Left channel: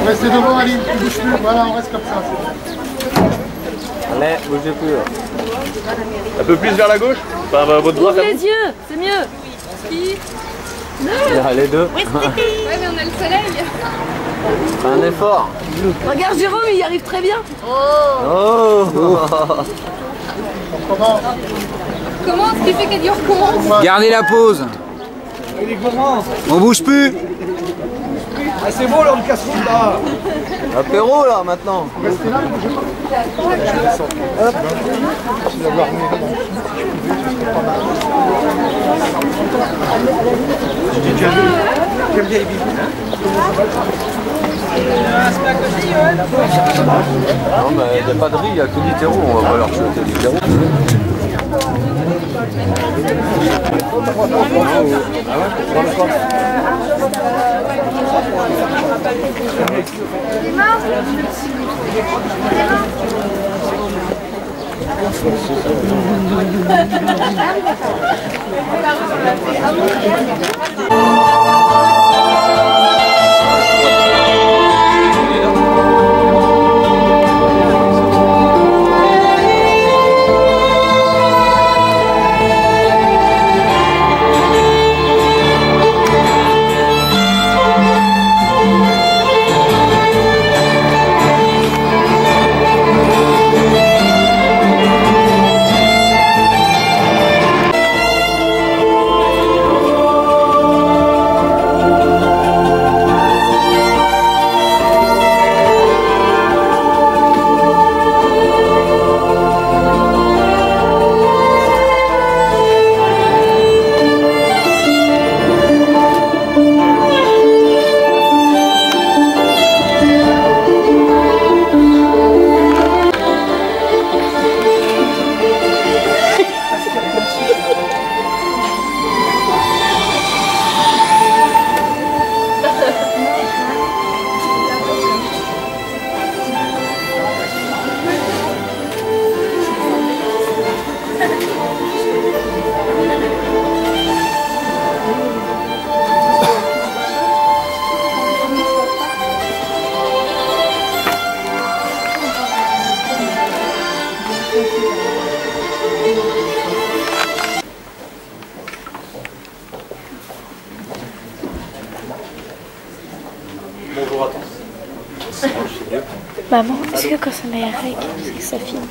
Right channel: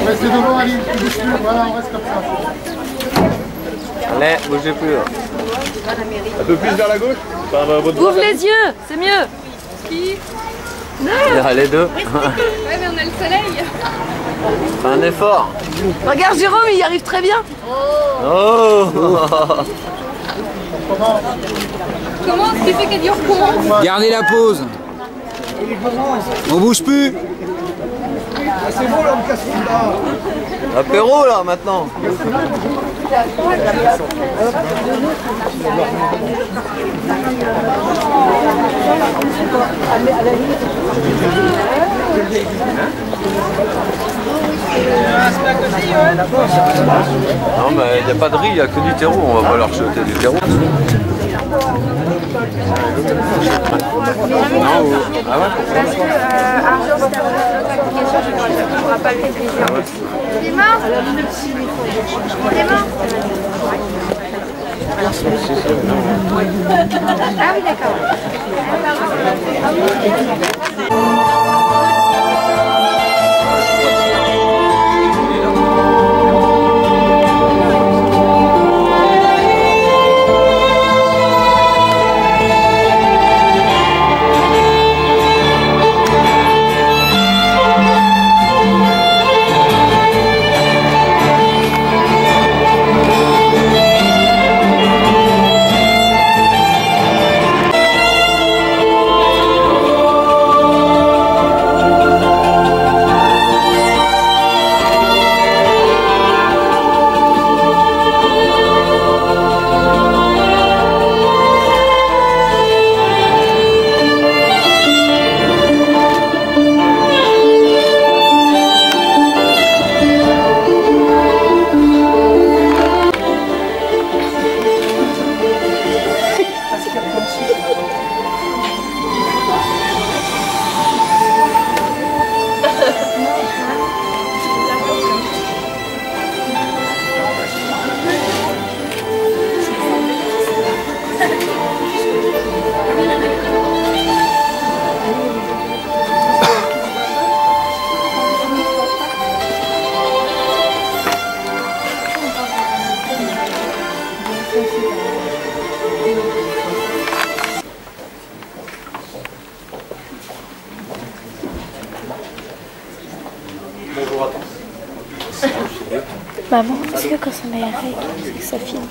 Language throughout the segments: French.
On reste devant, Aline, tu bouges plus. Voilà, on reste comme ça. Allez, bougez plus. Un peu plus vers la gauche. Enfin, votre droite. Ouvre les yeux, c'est mieux. Les deux. Ouais, mais on a le soleil. Fais un effort. Regarde Jérôme, il y arrive très bien. Oh. Comment ce qui fait qu'elle dit on recommence? Gardez la pause. On bouge plus. Ah, c'est bon, là, on casse tout là. Apéro là maintenant. Non mais il n'y a pas de riz, il n'y a que du terreau, on va pas leur jeter du terreau. Bonjour à tous. Maman, est-ce que quand ça met la règle, c'est que ça filme?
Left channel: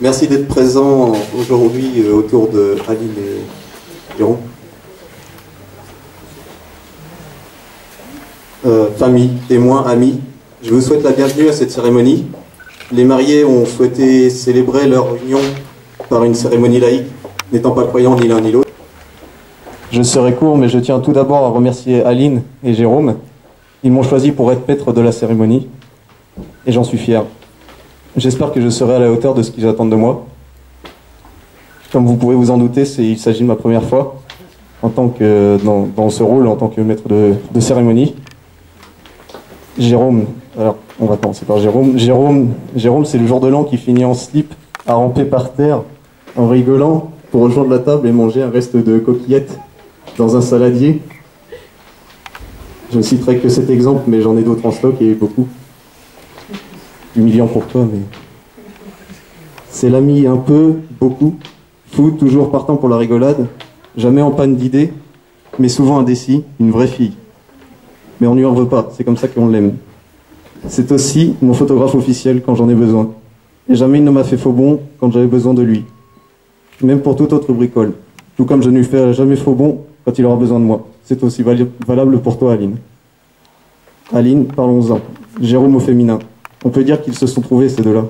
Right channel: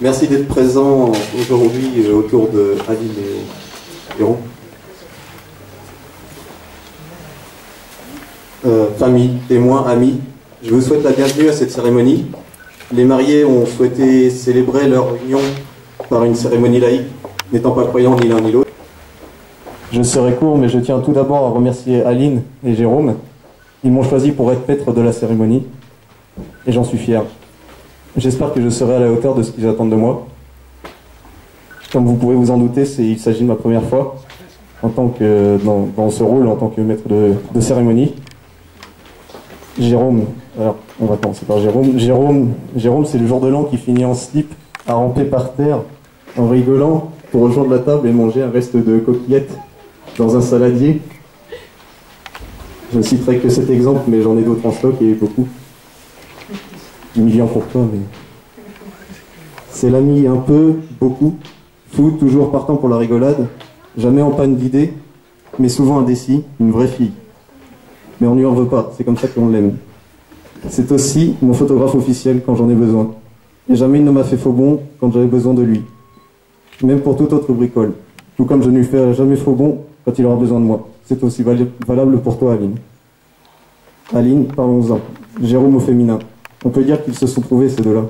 Merci d'être présent aujourd'hui autour de Aline et Jérôme. Famille, témoins, amis, je vous souhaite la bienvenue à cette cérémonie. Les mariés ont souhaité célébrer leur union par une cérémonie laïque, n'étant pas croyants ni l'un ni l'autre. Je serai court, mais je tiens tout d'abord à remercier Aline et Jérôme. Ils m'ont choisi pour être maître de la cérémonie, et j'en suis fier. J'espère que je serai à la hauteur de ce qu'ils attendent de moi. Comme vous pouvez vous en douter, il s'agit de ma première fois en tant que, dans ce rôle en tant que maître de cérémonie. Jérôme, alors on va commencer par Jérôme. Jérôme, c'est le jour de l'an qui finit en slip, à ramper par terre, en rigolant, pour rejoindre la table et manger un reste de coquillettes dans un saladier. Je ne citerai que cet exemple, mais j'en ai d'autres en stock et beaucoup. Humiliant pour toi, mais... C'est l'ami un peu, beaucoup, fou, toujours partant pour la rigolade, jamais en panne d'idées, mais souvent indécis, une vraie fille. Mais on lui en veut pas, c'est comme ça qu'on l'aime. C'est aussi mon photographe officiel quand j'en ai besoin. Et jamais il ne m'a fait faux bon quand j'avais besoin de lui. Même pour toute autre bricole. Tout comme je ne lui fais jamais faux bon quand il aura besoin de moi. C'est aussi valable pour toi, Aline. Aline, parlons-en. Jérôme au féminin. On peut dire qu'ils se sont trouvés, ces deux-là.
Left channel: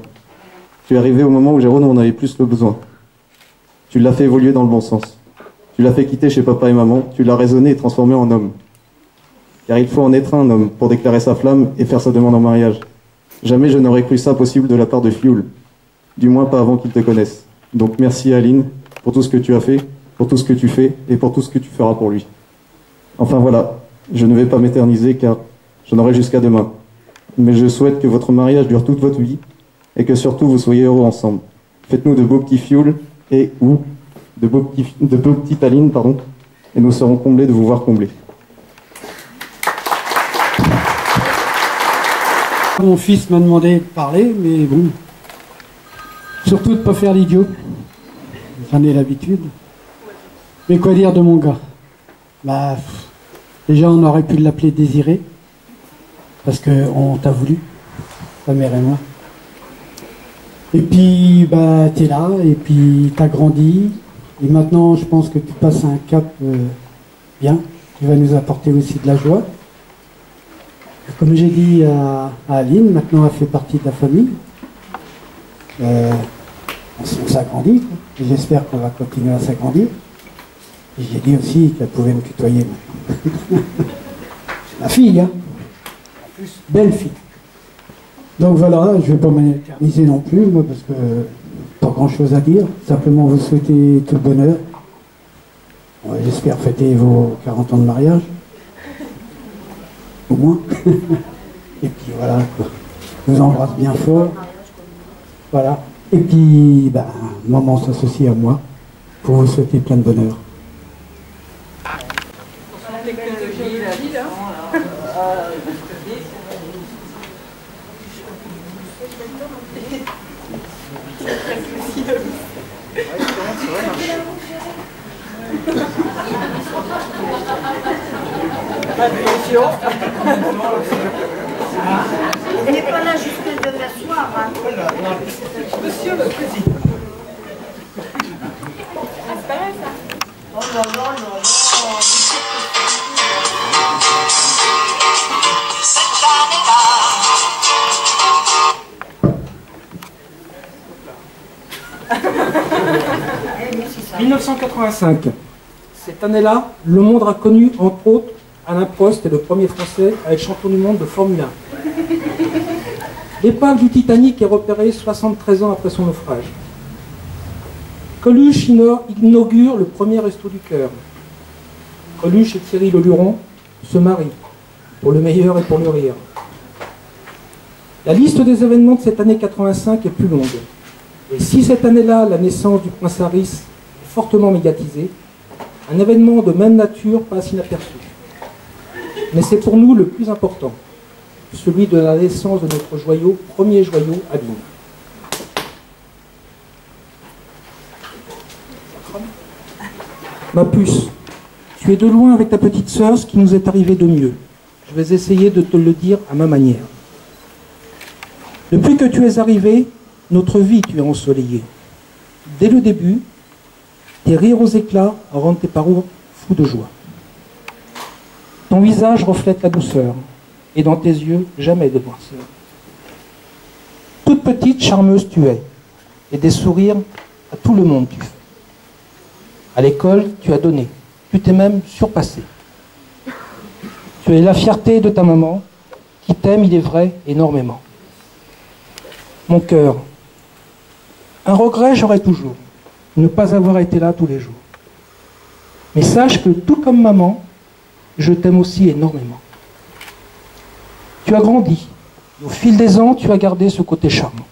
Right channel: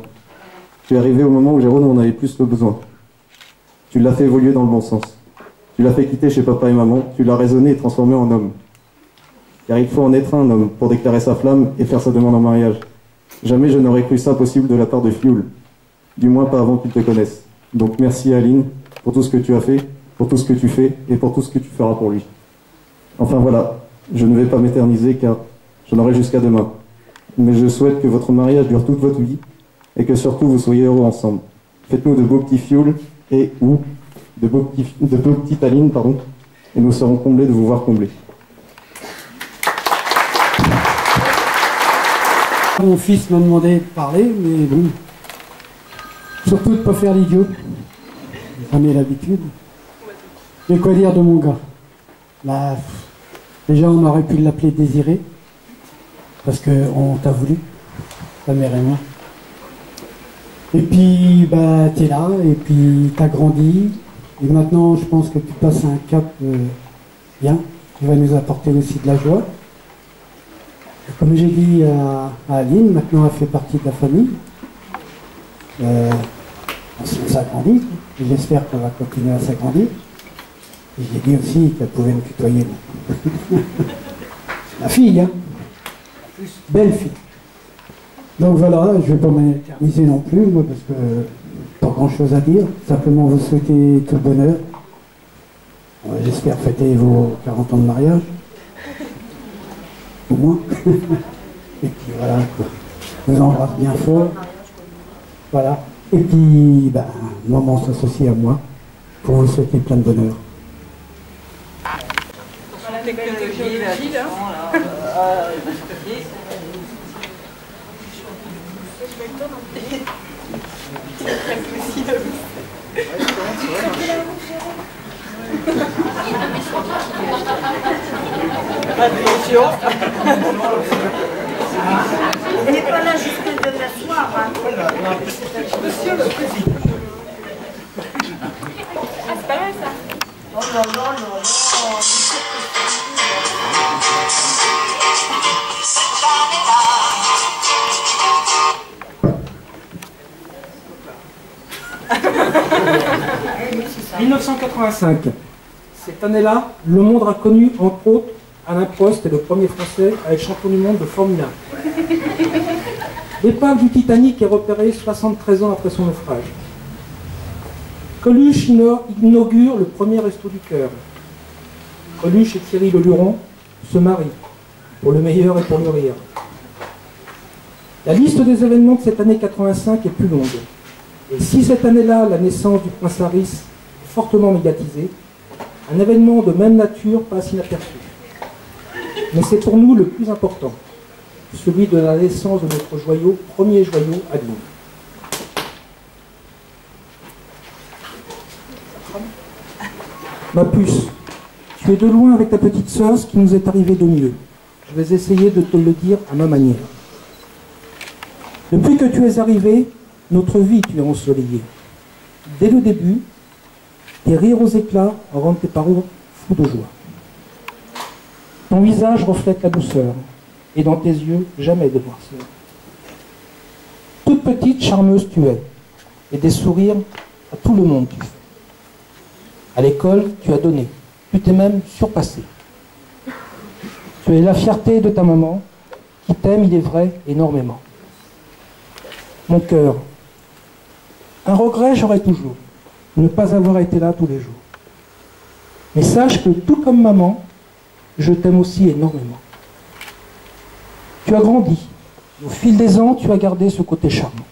Tu es arrivé au moment où Jérôme en avait plus le besoin. Tu l'as fait évoluer dans le bon sens. Tu l'as fait quitter chez papa et maman. Tu l'as raisonné et transformé en homme. Car il faut en être un homme pour déclarer sa flamme et faire sa demande en mariage. Jamais je n'aurais cru ça possible de la part de Fioul. Du moins pas avant qu'il te connaisse. Donc merci Aline pour tout ce que tu as fait, pour tout ce que tu fais et pour tout ce que tu feras pour lui. Enfin voilà, je ne vais pas m'éterniser car j'en aurai jusqu'à demain. Mais je souhaite que votre mariage dure toute votre vie et que surtout vous soyez heureux ensemble. Faites-nous de beaux petits fioul et ou de beaux petits talines, pardon, et nous serons comblés de vous voir combler. Mon fils m'a demandé de parler, mais bon, surtout de ne pas faire l'idiot. J'en ai l'habitude. Mais quoi dire de mon gars? Bah, déjà on aurait pu l'appeler Désiré, parce qu'on t'a voulu, ta mère et moi. Et puis, bah, t'es là, et puis t'as grandi, et maintenant je pense que tu passes un cap bien, qui va nous apporter aussi de la joie. Comme j'ai dit à Aline, maintenant elle fait partie de la famille. On s'agrandit, et j'espère qu'on va continuer à s'agrandir. Et j'ai dit aussi qu'elle pouvait me tutoyer maintenant. Ma fille, hein. Belle fille. Donc voilà, je ne vais pas m'éterniser non plus, moi, parce que pas grand chose à dire. Simplement vous souhaiter tout le bonheur. Ouais, j'espère fêter vos 40 ans de mariage. Au moins. Et puis voilà, quoi. Je vous embrasse bien fort. Voilà. Et puis, ben, maman s'associe à moi pour vous souhaiter plein de bonheur. Elle n'est pas là jusqu'à demain soir. Hein. Monsieur le président. Ah, c'est pas mal ça. Oh non, non, non, non. Cette année-là. 1985. Cette année-là, le monde a connu, entre autres, Alain Prost est le premier Français à être champion du monde de Formule 1. L'épave du Titanic est repérée 73 ans après son naufrage. Coluche inaugure le premier Resto du Cœur. Coluche et Thierry Leluron se marient, pour le meilleur et pour le rire. La liste des événements de cette année 85 est plus longue. Et si cette année-là, la naissance du prince Harry est fortement médiatisée, un événement de même nature passe inaperçu. Mais c'est pour nous le plus important, celui de la naissance de notre joyau, premier joyau, Aline. Ma puce, tu es de loin avec ta petite sœur ce qui nous est arrivé de mieux. Je vais essayer de te le dire à ma manière. Depuis que tu es arrivé, notre vie tu es ensoleillée. Dès le début, tes rires aux éclats rendent tes parents fous de joie. Ton visage reflète la douceur, et dans tes yeux, jamais de noirceur. Toute petite, charmeuse tu es, et des sourires à tout le monde tu fais. À l'école, tu as donné, tu t'es même surpassé. Tu es la fierté de ta maman, qui t'aime, il est vrai, énormément. Mon cœur, un regret j'aurais toujours, ne pas avoir été là tous les jours. Mais sache que tout comme maman, je t'aime aussi énormément. Tu as grandi. Au fil des ans, tu as gardé ce côté charmant.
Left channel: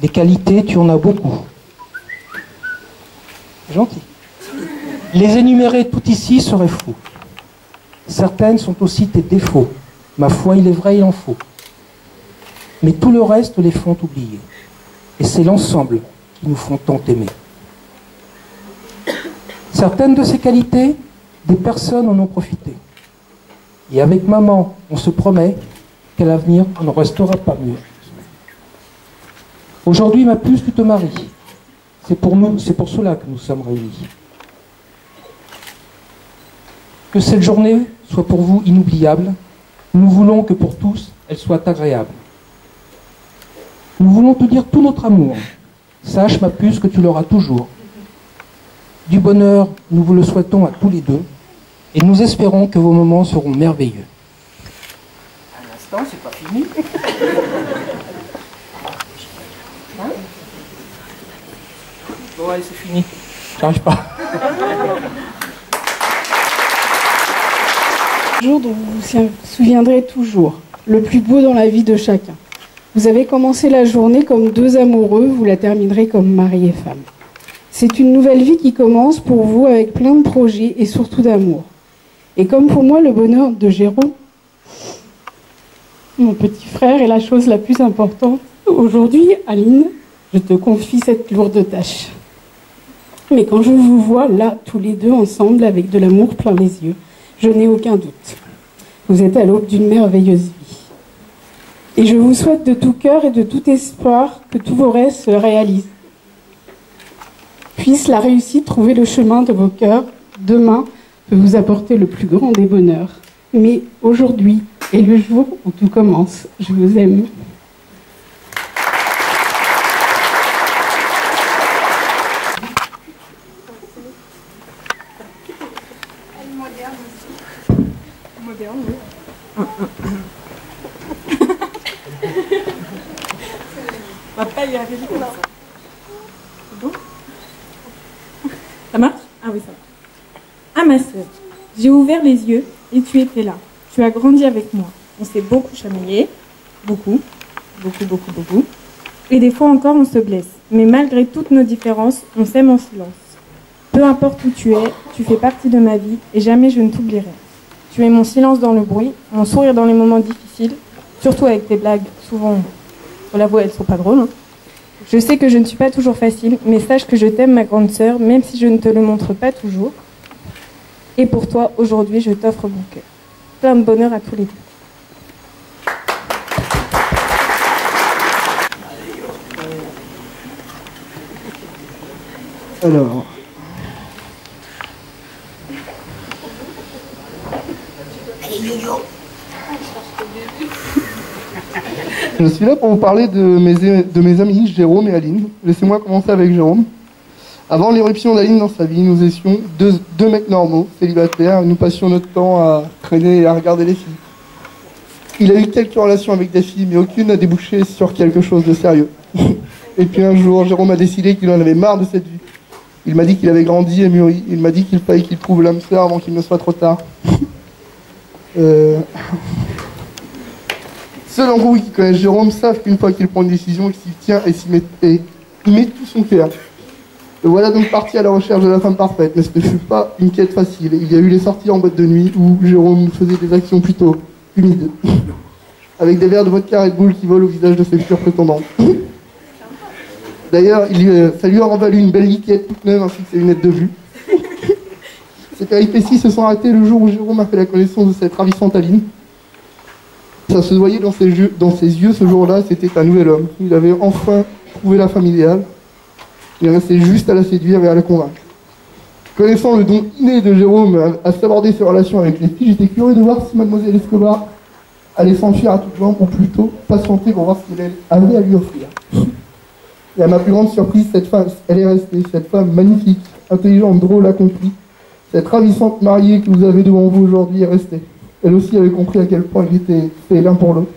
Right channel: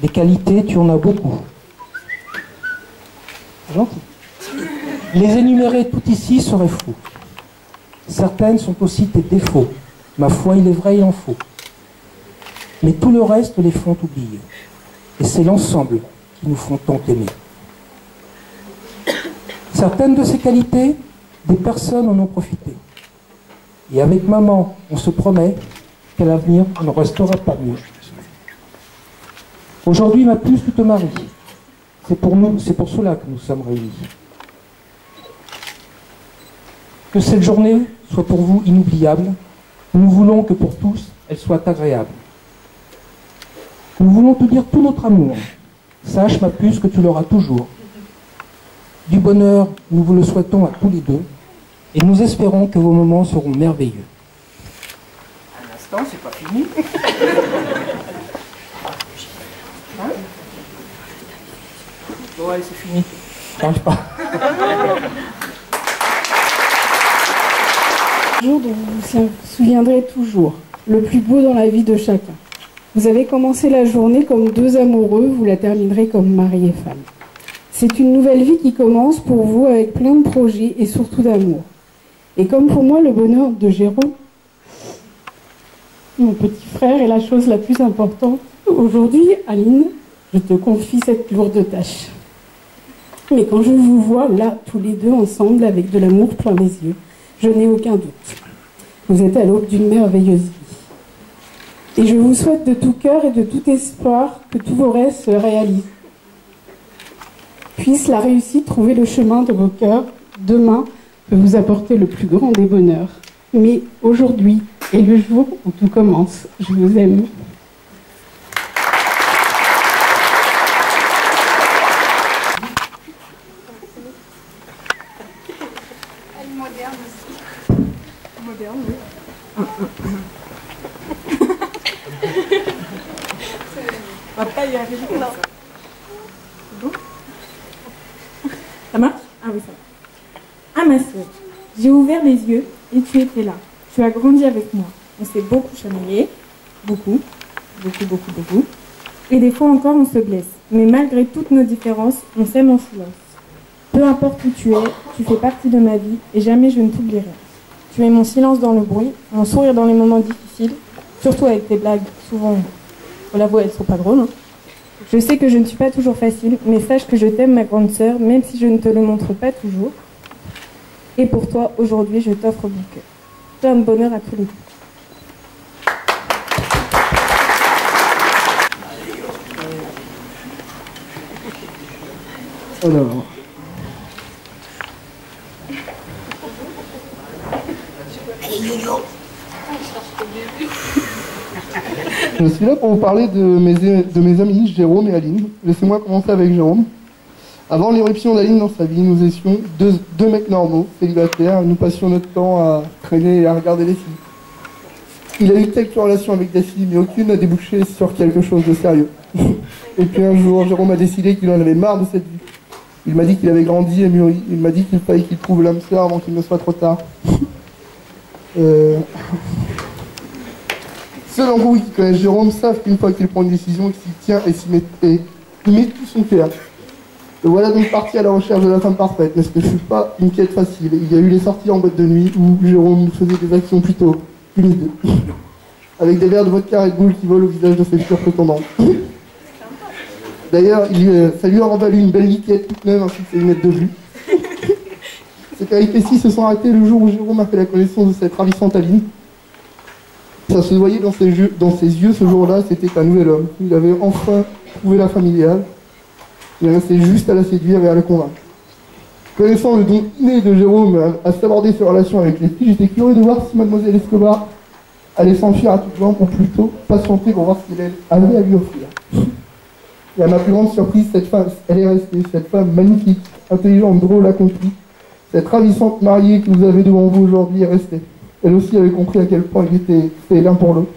Des qualités, tu en as beaucoup. Gentil. Les énumérer tout ici serait fou. Certaines sont aussi tes défauts. Ma foi, il est vrai, il en faut. Mais tout le reste les font oublier. Et c'est l'ensemble qui nous font tant aimer. Certaines de ces qualités, des personnes en ont profité. Et avec maman, on se promet qu'à l'avenir, on ne restera pas mieux. Aujourd'hui, ma puce, tu te maries. C'est pour nous, c'est pour cela que nous sommes réunis. Que cette journée soit pour vous inoubliable. Nous voulons que pour tous, elle soit agréable. Nous voulons te dire tout notre amour. Sache, ma puce, que tu l'auras toujours. Du bonheur, nous vous le souhaitons à tous les deux. Et nous espérons que vos moments seront merveilleux. Un instant, c'est pas fini. Hein? Bon, allez, c'est fini. J'arrive pas. Un jour dont vous vous souviendrez toujours, le plus beau dans la vie de chacun. Vous avez commencé la journée comme deux amoureux, vous la terminerez comme mari et femme. C'est une nouvelle vie qui commence pour vous avec plein de projets et surtout d'amour. Et comme pour moi, le bonheur de Jérôme, mon petit frère, est la chose la plus importante. Aujourd'hui, Aline, je te confie cette lourde tâche. Mais quand je vous vois là, tous les deux ensemble, avec de l'amour plein les yeux, je n'ai aucun doute. Vous êtes à l'aube d'une merveilleuse vie. Et je vous souhaite de tout cœur et de tout espoir que tous vos rêves se réalisent. Puisse la réussite trouver le chemin de vos cœurs. Demain peut vous apporter le plus grand des bonheurs. Mais aujourd'hui est le jour où tout commence. Je vous aime. Elle est moderne aussi. Moderne, oui. On va pas y arriver comme ça. C'est bon? Ça marche? Ah oui, ça va. Ah ma sœur, j'ai ouvert les yeux et tu étais là. Tu as grandi avec moi. On s'est beaucoup chamaillé. Beaucoup. Et des fois encore, on se blesse. Mais malgré toutes nos différences, on s'aime en silence. Peu importe où tu es, tu fais partie de ma vie et jamais je ne t'oublierai. Tu es mon silence dans le bruit, mon sourire dans les moments difficiles, surtout avec tes blagues. Souvent, pour l'avouer, elles sont pas drôles. Hein. Je sais que je ne suis pas toujours facile, mais sache que je t'aime, ma grande sœur, même si je ne te le montre pas toujours. Et pour toi, aujourd'hui, je t'offre mon cœur. Plein de bonheur à tous les deux. Alors... Je suis là pour vous parler de mes amis Jérôme et Aline. Laissez-moi commencer avec Jérôme. Avant l'éruption d'Aline dans sa vie, nous étions deux mecs normaux, célibataires. Nous passions notre temps à traîner et à regarder les filles. Il a eu quelques relations avec des filles, mais aucune n'a débouché sur quelque chose de sérieux. Et puis un jour, Jérôme a décidé qu'il en avait marre de cette vie. Il m'a dit qu'il avait grandi et mûri. Il m'a dit qu'il fallait qu'il trouve l'âme sœur avant qu'il ne soit trop tard. Ceux d'entre vous qui connaissent Jérôme savent qu'une fois qu'il prend une décision, il s'y tient et il met tout son cœur. Le voilà donc parti à la recherche de la femme parfaite, mais ce ne fut pas une quête facile. Il y a eu les sorties en boîte de nuit où Jérôme faisait des actions plutôt humides, avec des verres de vodka Red Bull qui volent au visage de ses futures prétendantes. D'ailleurs, ça lui a valu une belle liquette toute neuve ainsi que ses lunettes de vue. Ces péripéties se sont arrêtées le jour où Jérôme a fait la connaissance de cette ravissante Aline. Ça se voyait dans ses yeux ce jour-là, c'était un nouvel homme. Il avait enfin trouvé la femme idéale. Il restait juste à la séduire et à la convaincre. Connaissant le don inné de Jérôme à s'aborder ses relations avec les filles, j'étais curieux de voir si Mademoiselle Escobar allait s'enfuir à toutes jambes ou plutôt patienter pour voir ce qu'elle avait à lui offrir. Et à ma plus grande surprise, cette femme, elle est restée, cette femme magnifique, intelligente, drôle, accomplie. Cette ravissante mariée que vous avez devant vous aujourd'hui est restée. Elle aussi avait compris à quel point ils étaient faits l'un pour l'autre.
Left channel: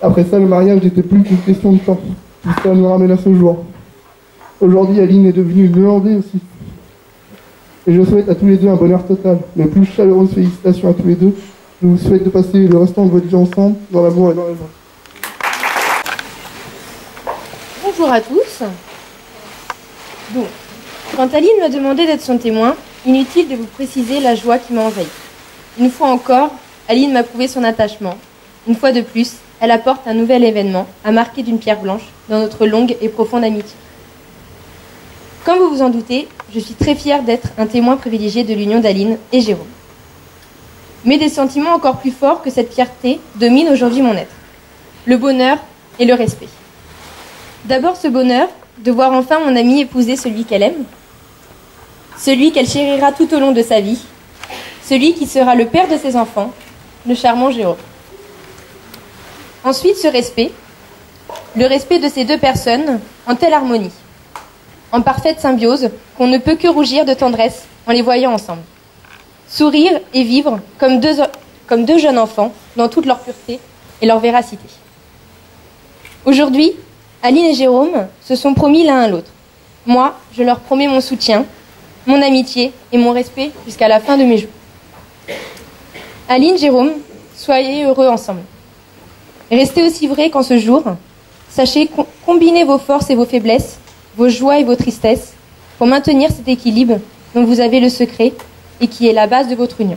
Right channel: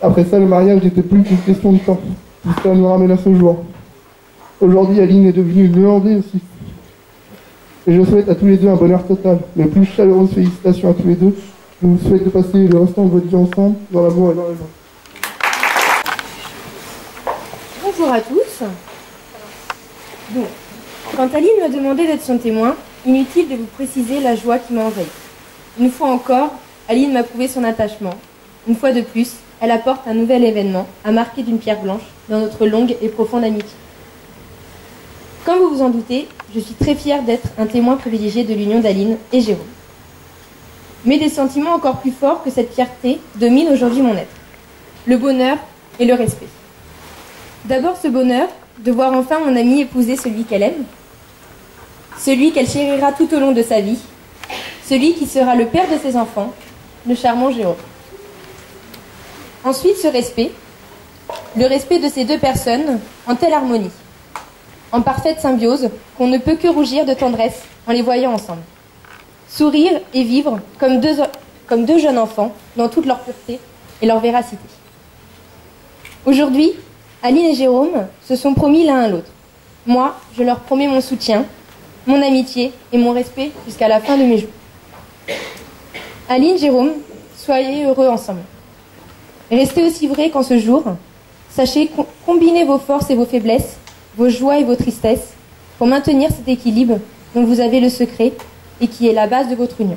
Après ça, le mariage n'était plus qu'une question de temps. Tout ça nous ramène à ce jour. Aujourd'hui, Aline est devenue une Hollandaise aussi. Et je souhaite à tous les deux un bonheur total. Mes plus chaleureuses félicitations à tous les deux. Je vous souhaite de passer le restant de votre vie ensemble, dans l'amour et dans la joie. Bonjour à tous. Donc, quand Aline m'a demandé d'être son témoin, inutile de vous préciser la joie qui m'a envahie. Une fois encore, Aline m'a prouvé son attachement. Une fois de plus, elle apporte un nouvel événement à marquer d'une pierre blanche dans notre longue et profonde amitié. Comme vous vous en doutez, je suis très fière d'être un témoin privilégié de l'union d'Aline et Jérôme. Mais des sentiments encore plus forts que cette fierté dominent aujourd'hui mon être. Le bonheur et le respect. D'abord ce bonheur de voir enfin mon amie épouser celui qu'elle aime, celui qu'elle chérira tout au long de sa vie, celui qui sera le père de ses enfants, le charmant Jérôme. Ensuite ce respect, le respect de ces deux personnes en telle harmonie, en parfaite symbiose qu'on ne peut que rougir de tendresse en les voyant ensemble. Sourire et vivre comme deux jeunes enfants dans toute leur pureté et leur véracité. Aujourd'hui, Aline et Jérôme se sont promis l'un à l'autre. Moi, je leur promets mon soutien, mon amitié et mon respect jusqu'à la fin de mes jours. Aline, Jérôme, soyez heureux ensemble. Restez aussi vrais qu'en ce jour, Sachez combiner vos forces et vos faiblesses, vos joies et vos tristesses, pour maintenir cet équilibre dont vous avez le secret et qui est la base de votre union.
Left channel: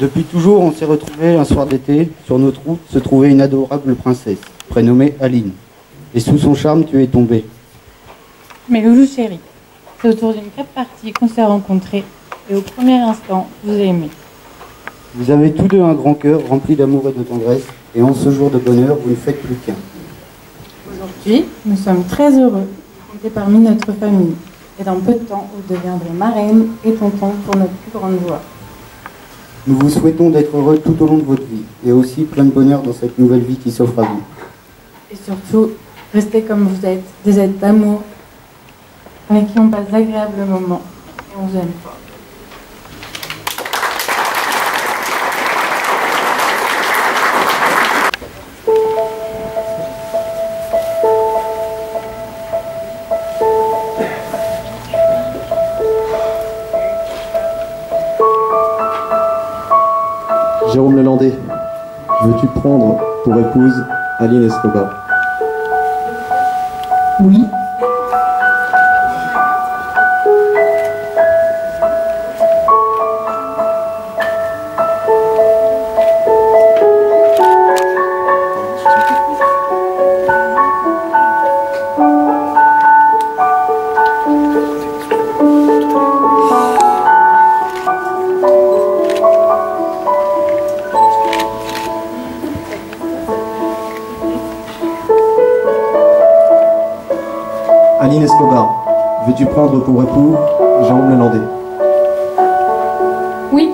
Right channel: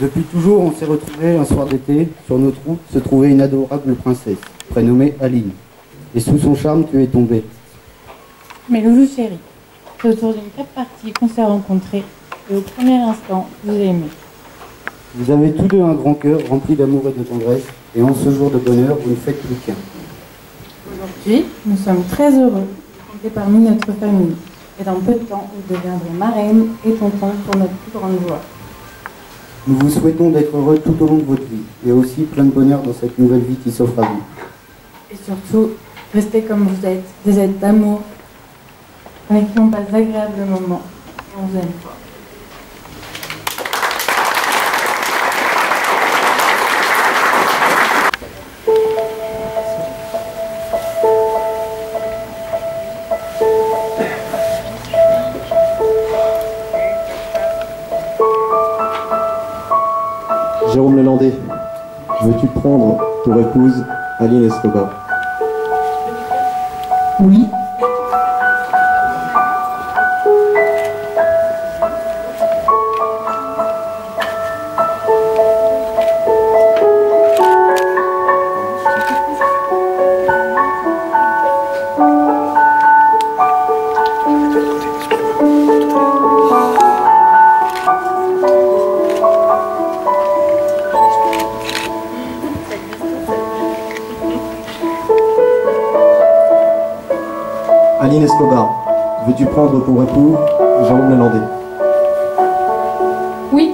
Depuis toujours, on s'est retrouvés un soir d'été. Sur notre route se trouvait une adorable princesse, prénommée Aline. Et sous son charme, tu es tombé. Mes loulous chéris, c'est autour d'une crêpe partie qu'on s'est rencontrés et au premier instant, vous avez aimé. Vous avez tous deux un grand cœur rempli d'amour et de tendresse, et en ce jour de bonheur, vous ne faites plus qu'un. Aujourd'hui, nous sommes très heureux de compter parmi notre famille. Et dans peu de temps, vous deviendrez marraine et tonton pour notre plus grande joie. Nous vous souhaitons d'être heureux tout au long de votre vie, et aussi plein de bonheur dans cette nouvelle vie qui s'offre à vous. Et surtout, restez comme vous êtes, des êtres d'amour, avec qui on passe d'agréables moments, et on vous aime fort. Jérôme Lelandais, veux-tu prendre pour épouse Aline Escobar? Oui. Aline Escobar, veux-tu prendre pour époux Jérôme Lelandais? Oui.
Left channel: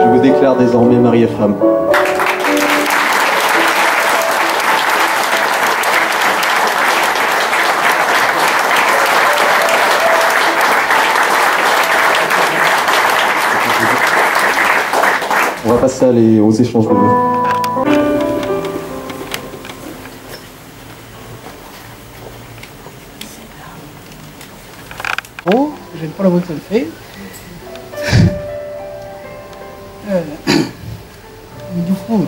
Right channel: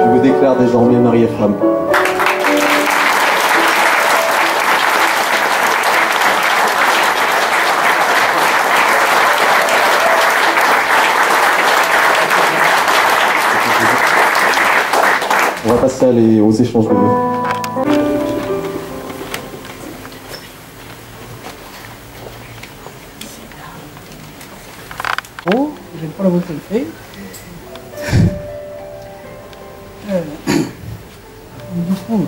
Je vous déclare désormais mari et femme. On va passer aux échanges de mots. Oh, j'aime pas la voix que ça me fait. Du coup.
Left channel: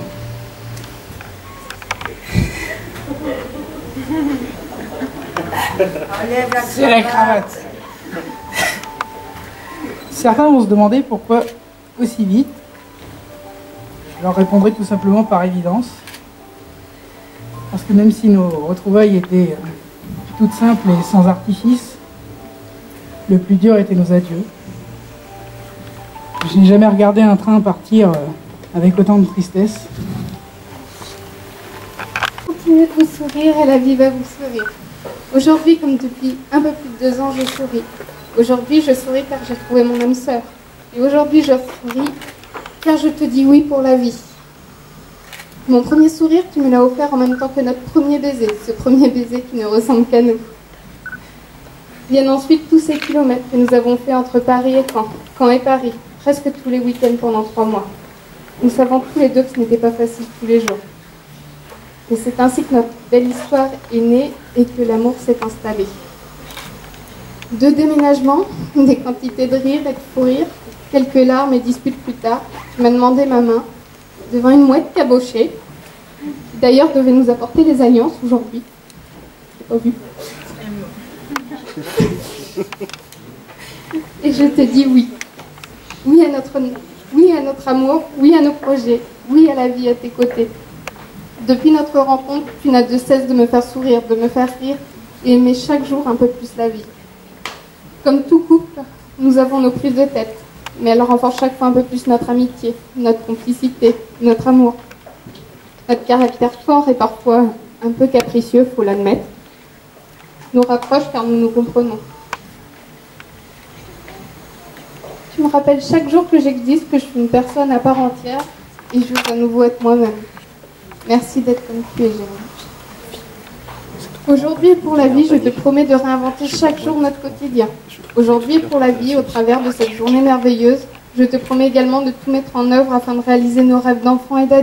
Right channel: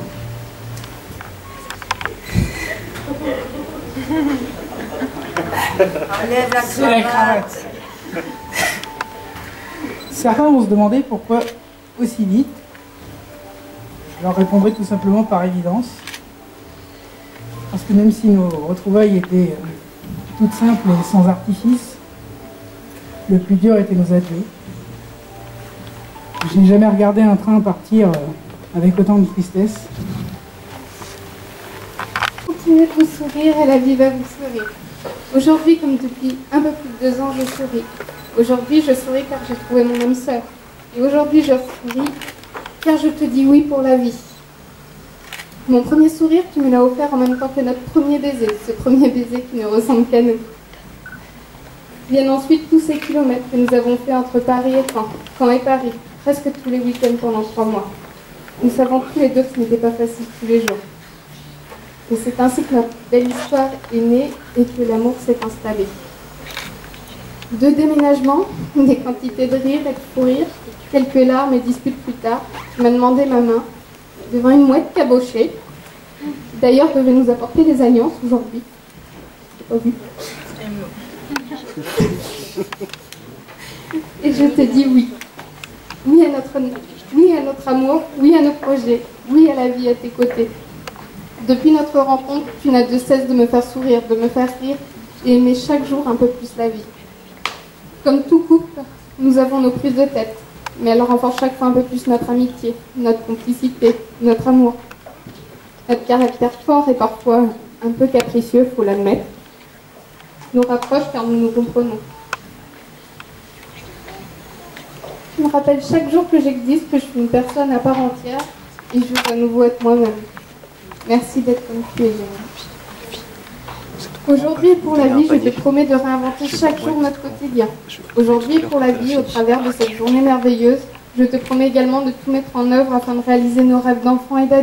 C'est la cravate. Certains vont se demander pourquoi aussi vite. Je leur répondrai tout simplement par évidence. Parce que même si nos retrouvailles étaient toutes simples et sans artifice, le plus dur était nos adieux. Je n'ai jamais regardé un train partir avec autant de tristesse. Continuez de vous sourire et la vie va vous sourire. Aujourd'hui, comme depuis un peu plus de 2 ans, je souris. Aujourd'hui, je souris car j'ai trouvé mon âme sœur. Et aujourd'hui, je souris car je te dis oui pour la vie. Mon premier sourire, tu me l'as offert en même temps que notre premier baiser, ce premier baiser qui ne ressemble qu'à nous. Viennent ensuite tous ces kilomètres que nous avons fait entre Paris et Caen et Paris, presque tous les week-ends pendant 3 mois. Nous savons tous les deux que ce n'était pas facile tous les jours. Et c'est ainsi que notre belle histoire est née et que l'amour s'est installé. 2 déménagements, des quantités de rire et de fou rire, quelques larmes et disputes plus tard, tu m'as demandé ma main devant une mouette cabochée, qui d'ailleurs devait nous apporter les alliances aujourd'hui. Je n'ai pas vu. Et je te dis oui. Oui à notre amour, oui à nos projets, oui à la vie à tes côtés. Depuis notre rencontre, tu n'as de cesse de me faire sourire, de me faire rire et aimer chaque jour un peu plus la vie. Comme tout couple, nous avons nos prises de tête, mais elles renforcent chaque fois un peu plus notre amitié, notre complicité, notre amour. Notre caractère fort et parfois un peu capricieux, faut l'admettre, nous rapproche car nous nous comprenons. Tu me rappelles chaque jour que j'existe, que je suis une personne à part entière et je veux à nouveau être moi-même. Merci d'être comme tu es, Jérôme. Aujourd'hui et pour la vie, je te promets de réinventer chaque jour notre quotidien. Aujourd'hui et pour la vie, au travers de cette journée merveilleuse, Je te promets également de tout mettre en œuvre afin de réaliser nos rêves d'enfants et d'adultes.